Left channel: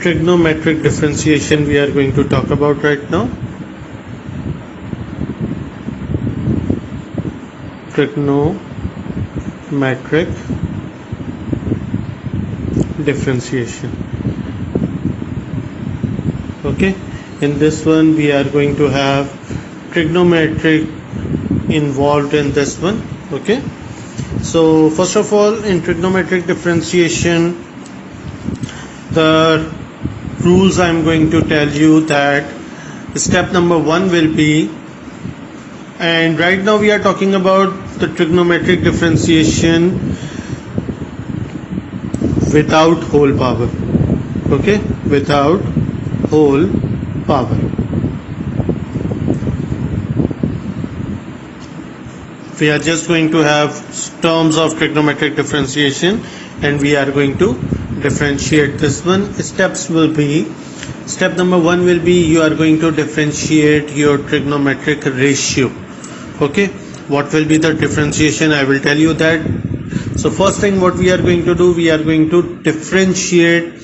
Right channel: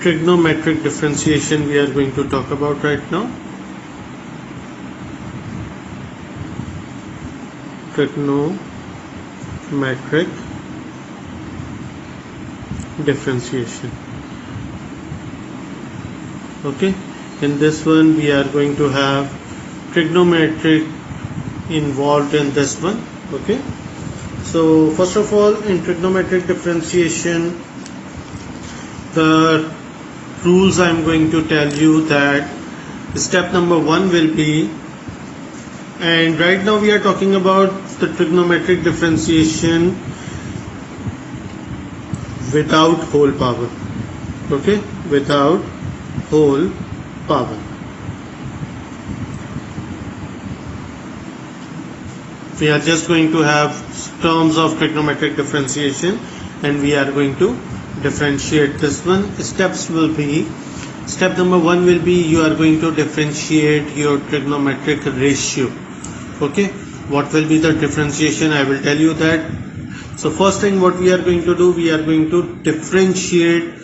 trigonometric differentiation we are going to talk about right now. Trigonometric differentiation. Okay, in this one we are going to have trigonometric involved in this one. Okay, so first of all, in trigonometric differentiation, the rules I am going to tell you that step number 1 will be, and right now we are talking about the trigonometric differentiation without whole power. Okay, without whole power. We are just going to have terms of trigonometric differentiation and we are going to differentiate this one. Steps will be, step number 1 will be you are going to differentiate your trigonometric ratio. Okay, what will be the differentiation? I will tell you that. So first thing what we are going to do, we are going to differentiate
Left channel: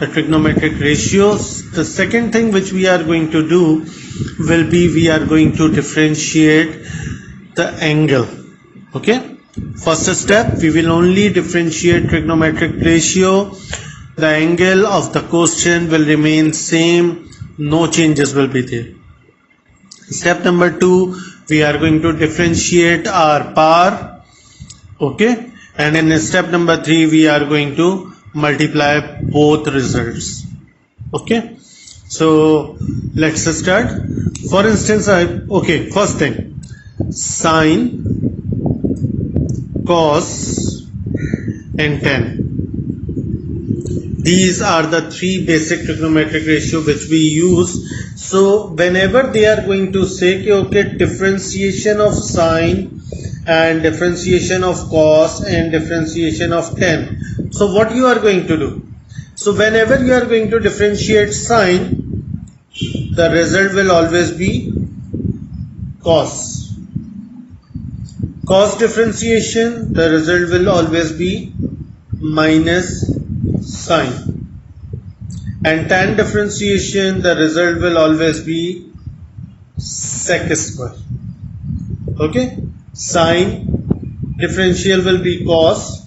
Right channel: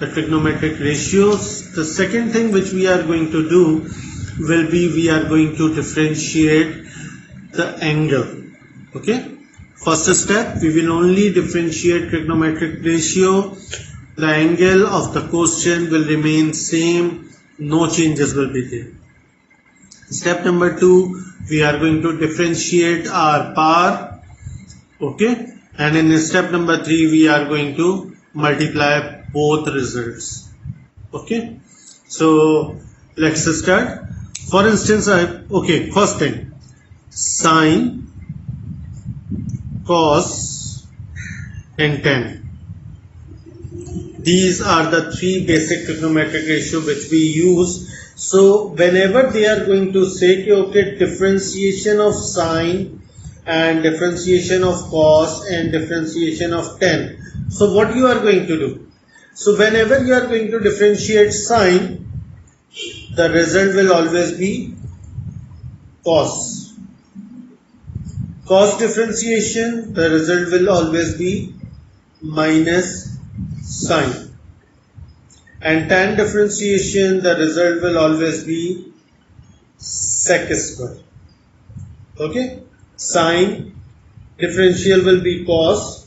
the trigonometric ratios. The second thing which we are going to do will be we are going to differentiate the angle. Okay, first step, we will only differentiate trigonometric ratio. The angle of the question will remain same, no changes will be there. Step number 2, we are going to differentiate our power. Okay, and in step number 3 we are going to multiply both results. Okay, so let's start. For instance, okay, first thing, sine, cos and tan. These are the 3 basic trigonometric ratio which we use. So whenever they are going to say okay, differentiation of sine and differentiation of cos and differentiation of tan, so what you are going to do? So whenever you are going to differentiate sine, the result will always be cos. Cos differentiation, the result will always be minus sine. And tan differentiation, the result will always be sec square. Okay, sine differential will be cos,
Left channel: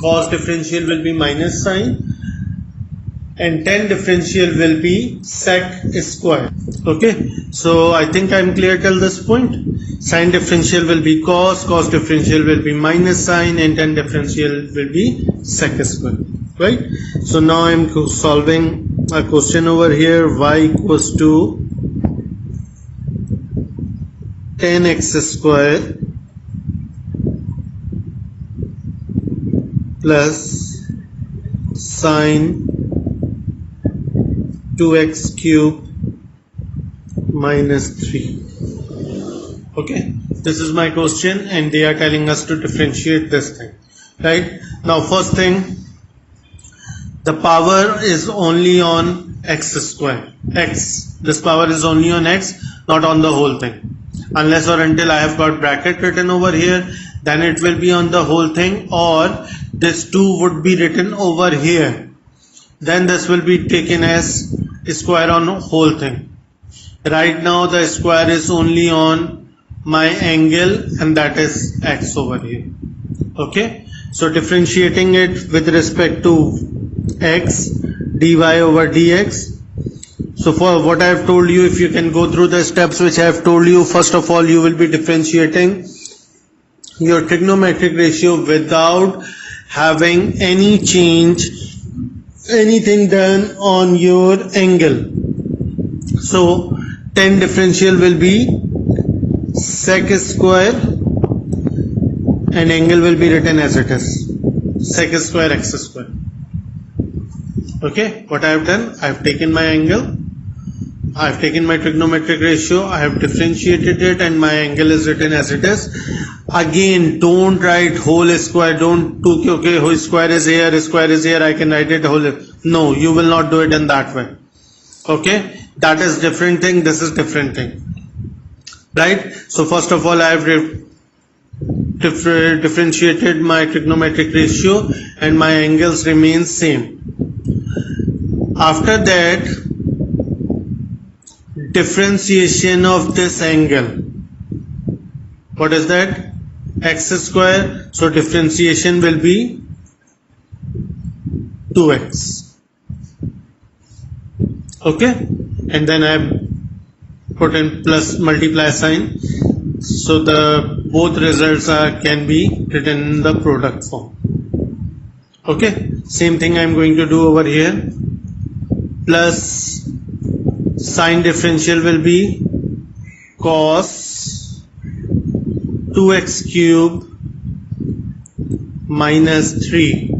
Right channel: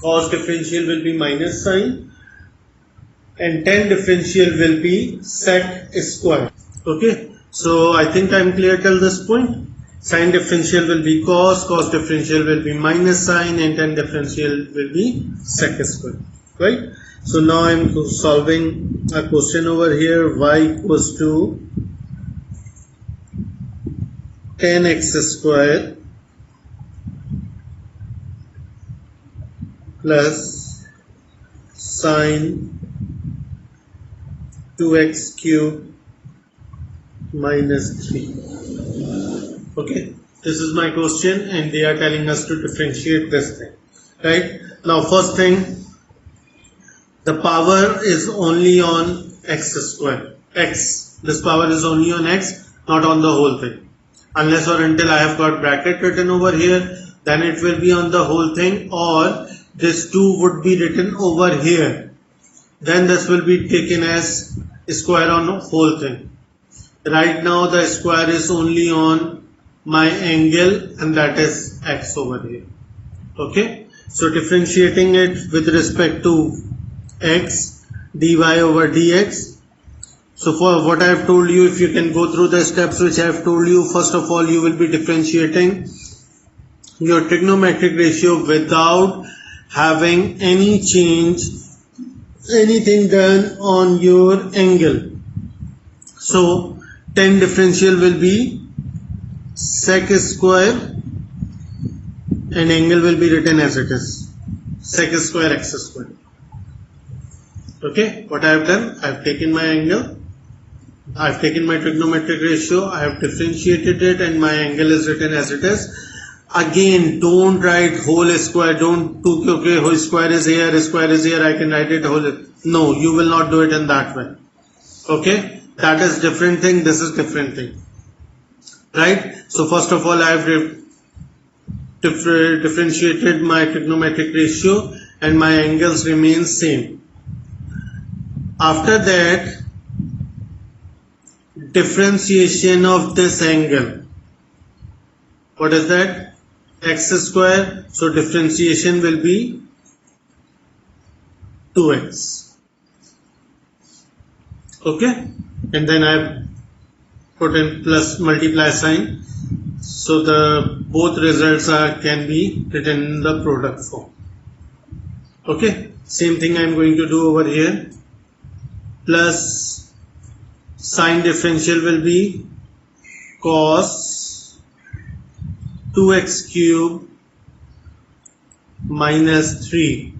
cos differential will be minus sine, and tan differential will be sec square. Okay, so I think I am clear till this point. Sine differential will be cos, cos differential will be minus sine, and tan differential will be sec square. Right? So now I am solving a question over here. Y equals to tan x square plus sine 2x cube minus 3. Okay, this is my question and they are telling us to differentiate this thing. Right? Now first thing, the power is only on x square. X. This power is only on x, not on the whole thing. Unless or until I have got bracket written over here, then it will be on the whole thing, or this 2 would be written over here. Then this will be taken as square on whole thing. Right now the square is only on my angle and that is x over here. Okay. So differentiating it with respect to x, dy over dx. So for what I have told you, if you can go through the steps which I have told you, first of all you will be differentiating your trigonometric ratio without having any change, anything done on your angle. So tan differential will be sec square and angle will be written as it is, sec square x square. Okay, what I have done, I have taken my angle, I have taken my trigonometric ratio, I have differentiated it and my angle is written as it is. Again, don't write whole square, don't do okay, whole square is here, I can write it whole. No, you will not do it in that way. Okay, that is different thing, this is different thing. Right? So first of all, I have differentiated my trigonometric ratio and my angles remain same. After that, differentiation of this angle. What is that? X square. So differentiation will be 2x. Okay, and then I put in plus multiply sign. So the both results can be written in the product form. Okay, same thing I am going to do over here. Plus sign differential will be cos 2x cube minus 3.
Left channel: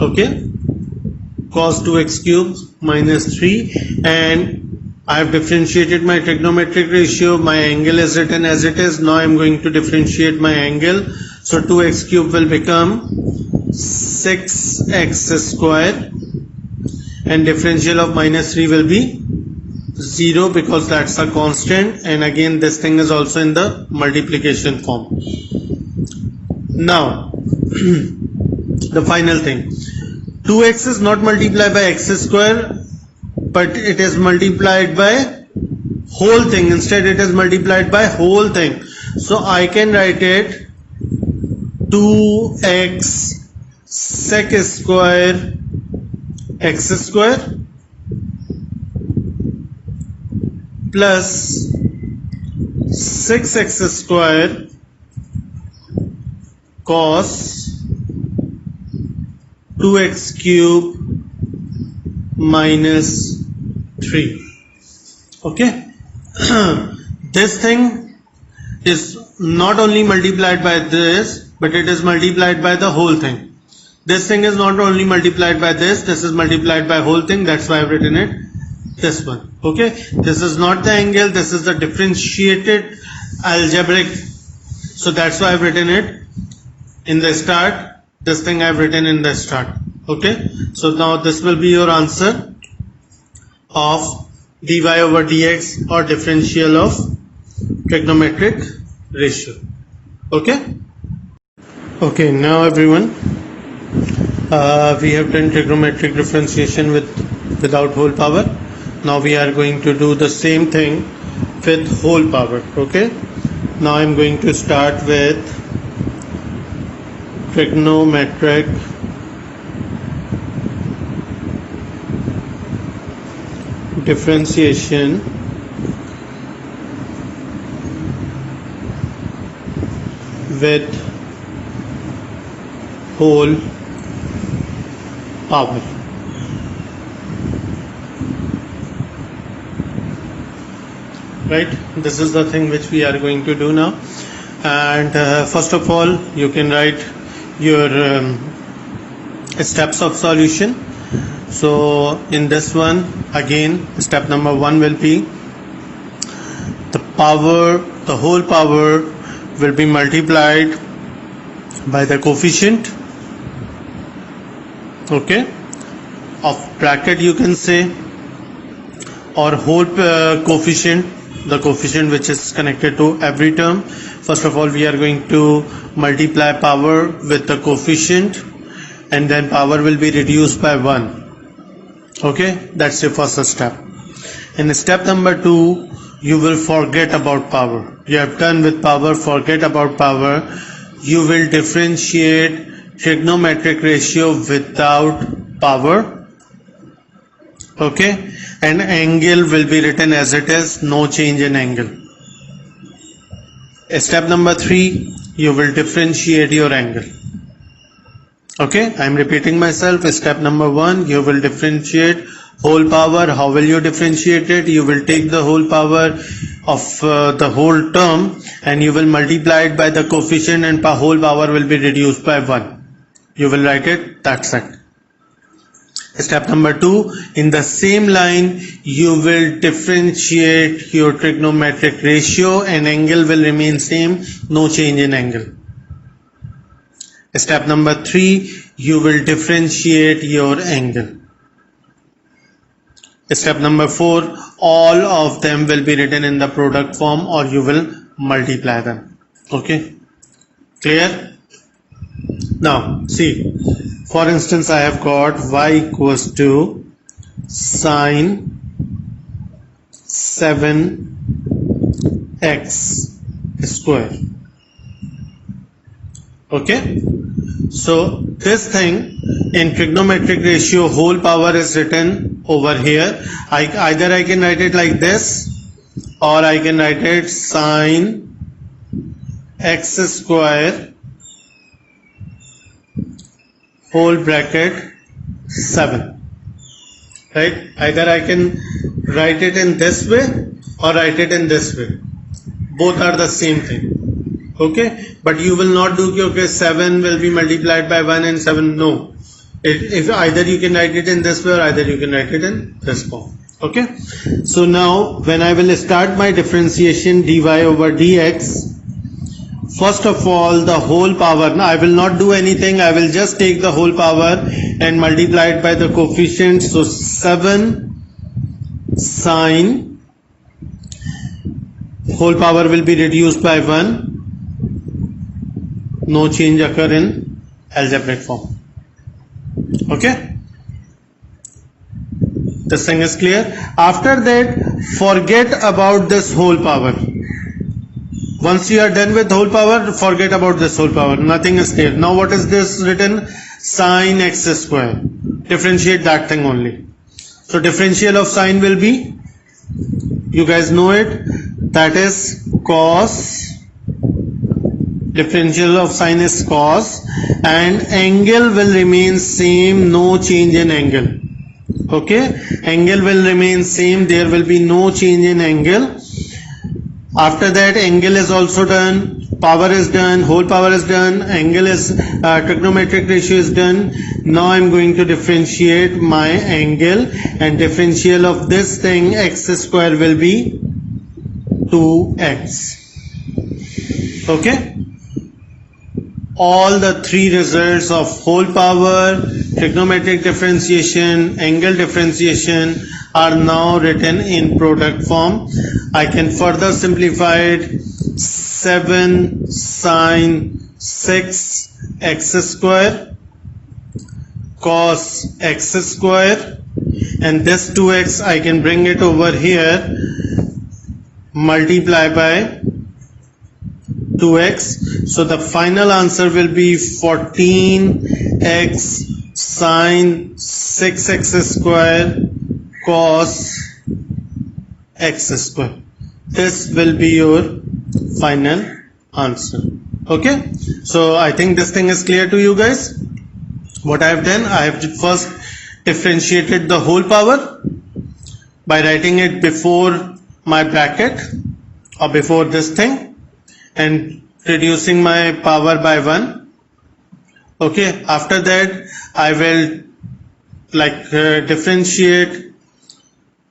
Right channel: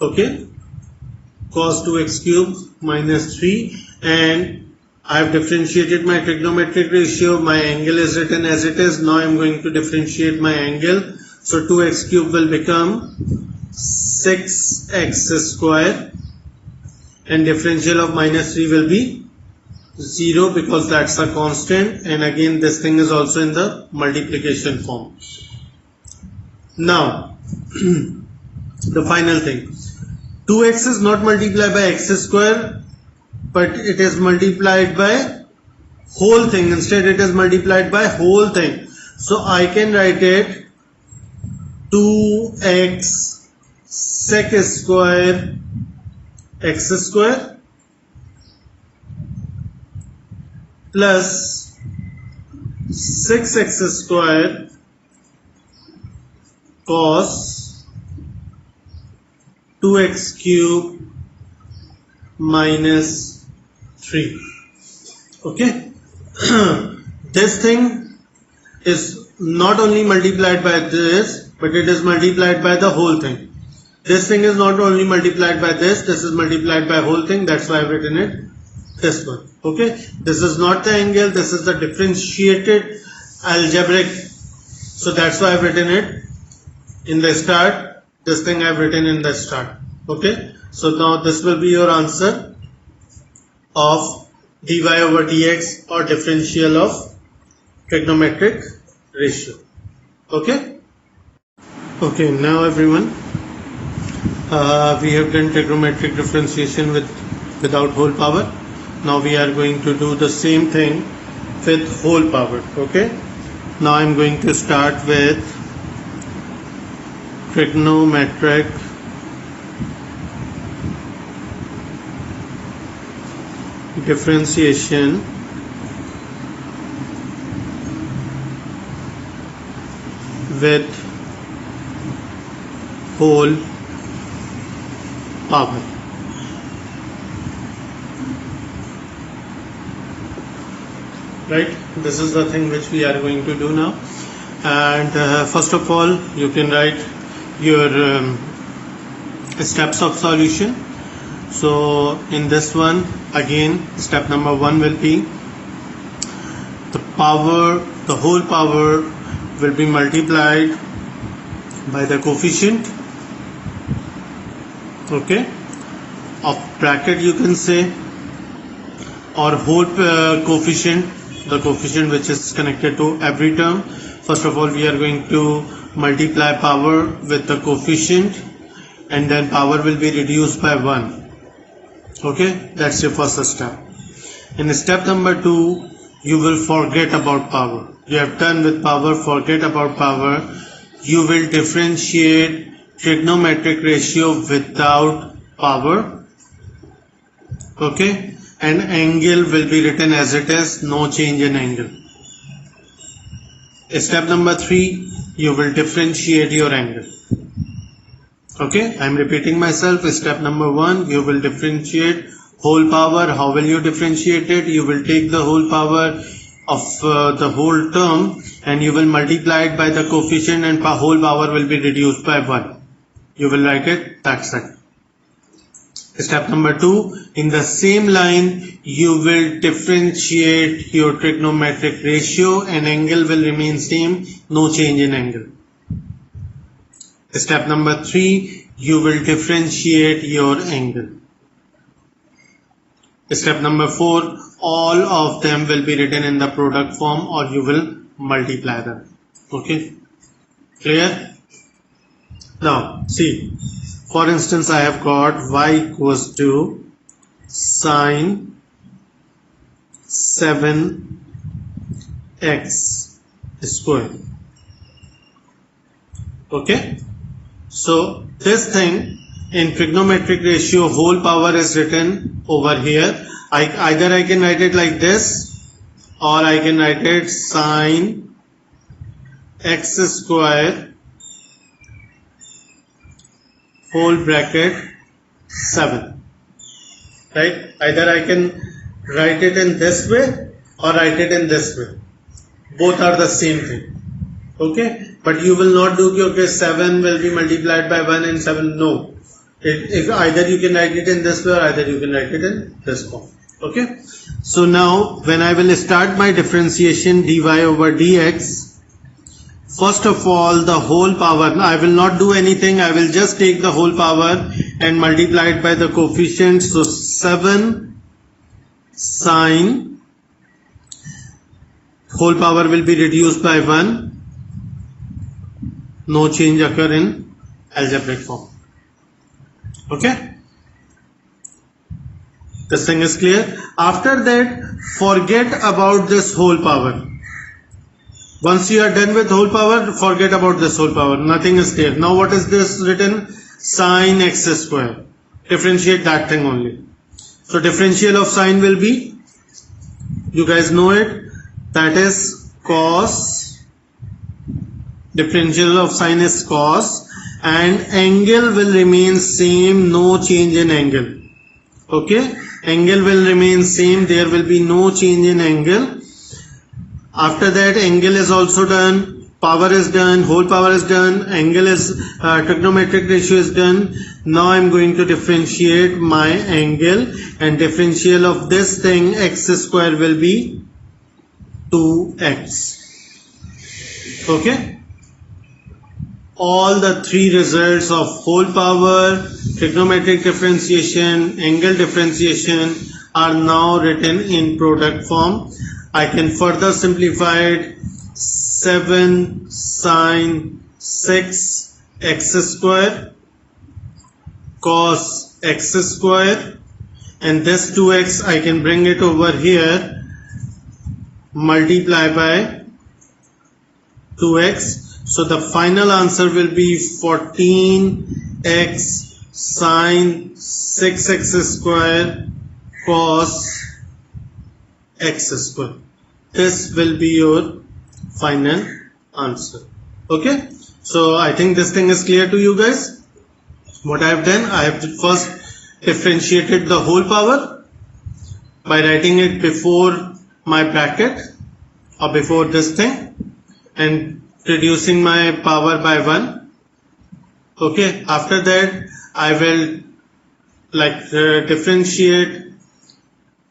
Okay, cos 2x cube minus 3, and I have differentiated my trigonometric ratio. My angle is written as it is. Now I am going to differentiate my angle. So 2x cube will become 6x square, and differential of minus 3 will be 0 because that's a constant, and again this thing is also in the multiplication form. Now the final thing, 2x is not multiplied by x square, but it is multiplied by whole thing. Instead it is multiplied by whole thing. So I can write it 2x sec square x square plus 6x square cos 2x cube minus 3. Okay, this thing is not only multiplied by this, but it is multiplied by the whole thing. This thing is not only multiplied by this is multiplied by whole thing. That's why I've written it this one. Okay, this is not the angle, this is the differentiated algebraic. So that's why I've written it in the start. This thing I've written in the start. Okay, so now this will be your answer of dy over dx, or differential of trigonometric ratio. Okay. Okay, now everyone, we have done trigonometric differentiation without whole power. Now we are going to do the same thing with whole power. Okay, now I am going to start with trigonometric differentiation with whole power. Right, this is the thing which we are going to do now. And first of all, you can write your steps of solution. So in this one, again, step number 1 will be the whole power will be multiplied by the coefficient, okay, of bracket, you can say, or whole coefficient, the coefficient which is connected to every term. First of all, we are going to multiply power with the coefficient, and then power will be reduced by 1. Okay, that's the first step. In step number 2, you will forget about power. You have done with power, forget about power. You will differentiate trigonometric ratio without power. Okay, and angle will be written as it is, no change in angle. Step number 3, you will differentiate your angle. Okay, I am repeating myself. Step number 1, you will differentiate whole power. How will you differentiate it? You will take the whole power of the whole term and you will multiply it by the coefficient, and whole power will be reduced by 1. You will write it, that's it. Step number 2, in the same line, you will differentiate your trigonometric ratio and angle will remain same, no change in angle. Step number 3, you will differentiate your angle. Step number 4, all of them will be written in the product form or you will multiply them. Okay, clear? Now see, For instance, I have got y equals to sine 7x square. Okay, so this thing in trigonometric ratio whole power is written over here. Either I can write it like this, or I can write it sine x square whole bracket 7. Right? Either I can write it in this way or write it in this way. Both are the same thing. Okay, but you will not do okay 7 will be multiplied by 1 and 7. No, if either you can write it in this way or either you can write it in this form. Okay, so now when I will start my differentiation dy over dx, first of all the whole power, now I will not do anything, I will just take the whole power and multiply it by the coefficient. So 7 sine, whole power will be reduced by 1. No change occur in algebraic form. Okay, this thing is clear. After that, forget about this whole power. Once you are done with whole power, forget about this whole power. Nothing is there. Now what is this written? Sine x square. Differentiate that thing only. So differential of sine will be, you guys know it, that is cos. Differential of sine is cos, and angle will remain same, no change in angle. Okay, angle will remain same, there will be no change in angle. After that, angle is also done, power is done, whole power is done, angle is trigonometric ratio is done. Now I am going to differentiate my angle, and differential of this thing x square will be 2x. Okay, all the three results of whole power, trigonometric differentiation, angle differentiation are now written in product form. I can further simplify it. 7 sine 6 x square cos x square, and this 2x I can bring it over here, multiply by 2x. So the final answer will be 14x sine 6x square cos x square. This will be your final answer. Okay, so I think this thing is clear to you guys. What I have done, I have first differentiated the whole power by writing it before my bracket or before this thing and reducing my power by 1. Okay, after that I will differentiate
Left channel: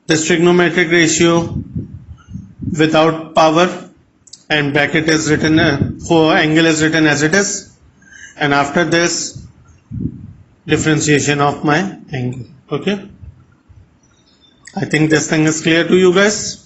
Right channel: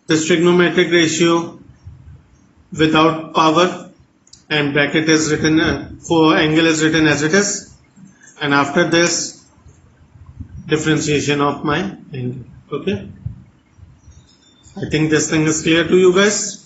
this trigonometric ratio without power, and bracket is written for angle is written as it is, and after this differentiation of my angle. Okay, I think this thing is clear to you guys.